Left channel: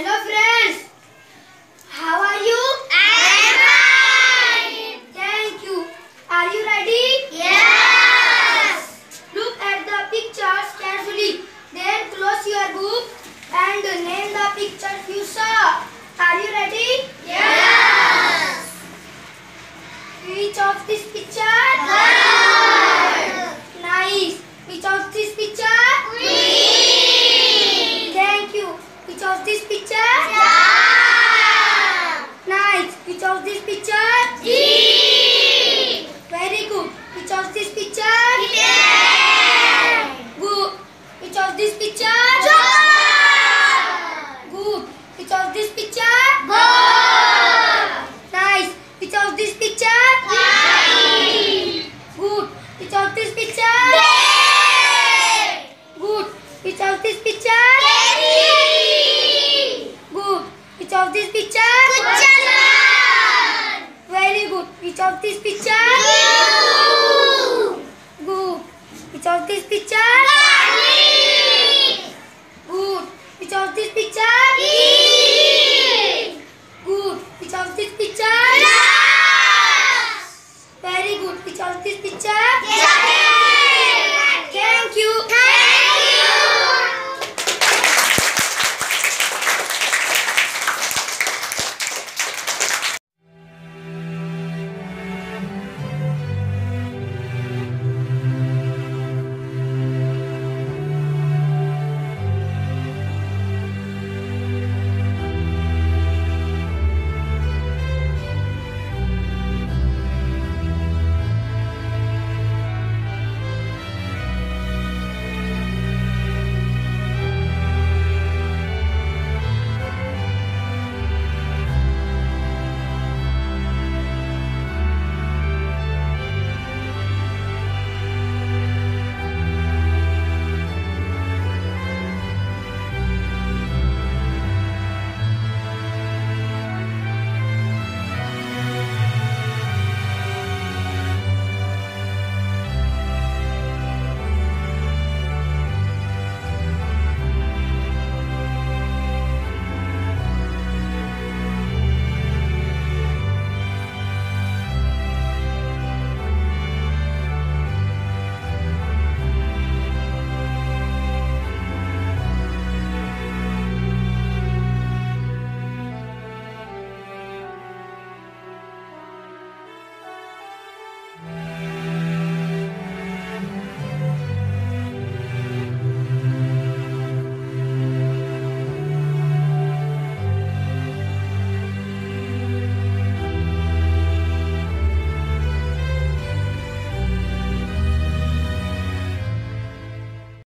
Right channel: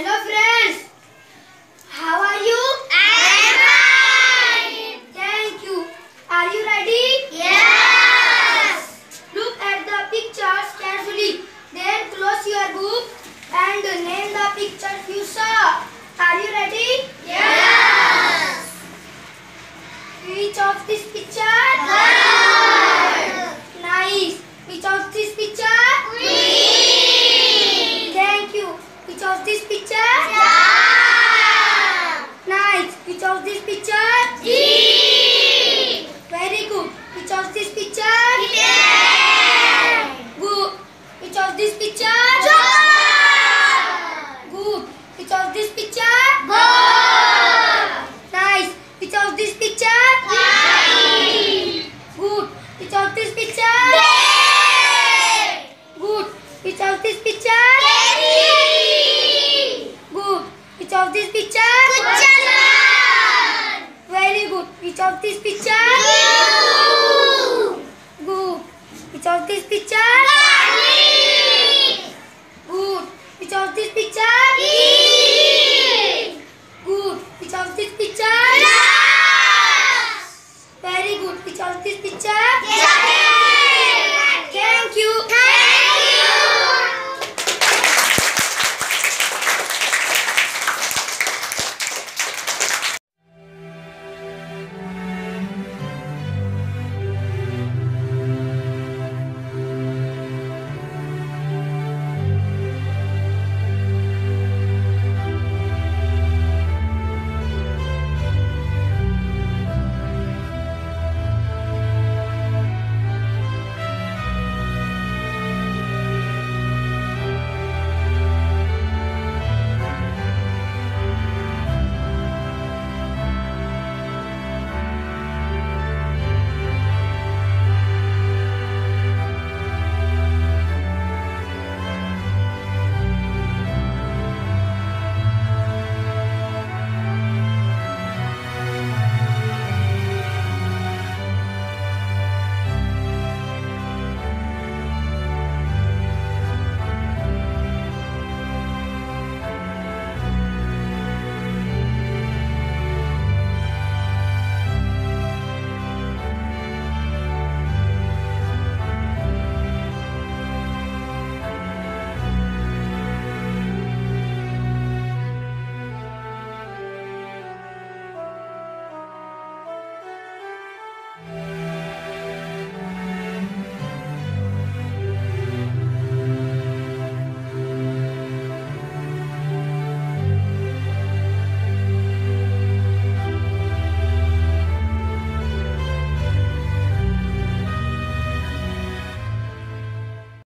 Hello friends, how are you? I am fine. Thank you. Are you ready? Yes. Look at the pictures carefully. Then close your book and name the pictures you saw. Are you ready? Yes. Which of this picture? Bird. Nice. Which of this picture? Queen. Thank you. Which of this picture? Dog. Nice. Which of this picture? Jeep. Very good. Which of this picture? Kitten. Good. Which of this picture? Dog. Good. Which of this picture? Goat. Nice. Which of this picture? Kite. Good. Which of this picture? Bear. Good. Which of this picture? Teddy. Good. Which of this picture? Kuchalan. Very good. Which of this picture? Blue. Good. Which of this picture? Garlic. Good. Which of this picture? Pig. Good. Which of this picture? Grass. Very good. Which of this picture? Jacket.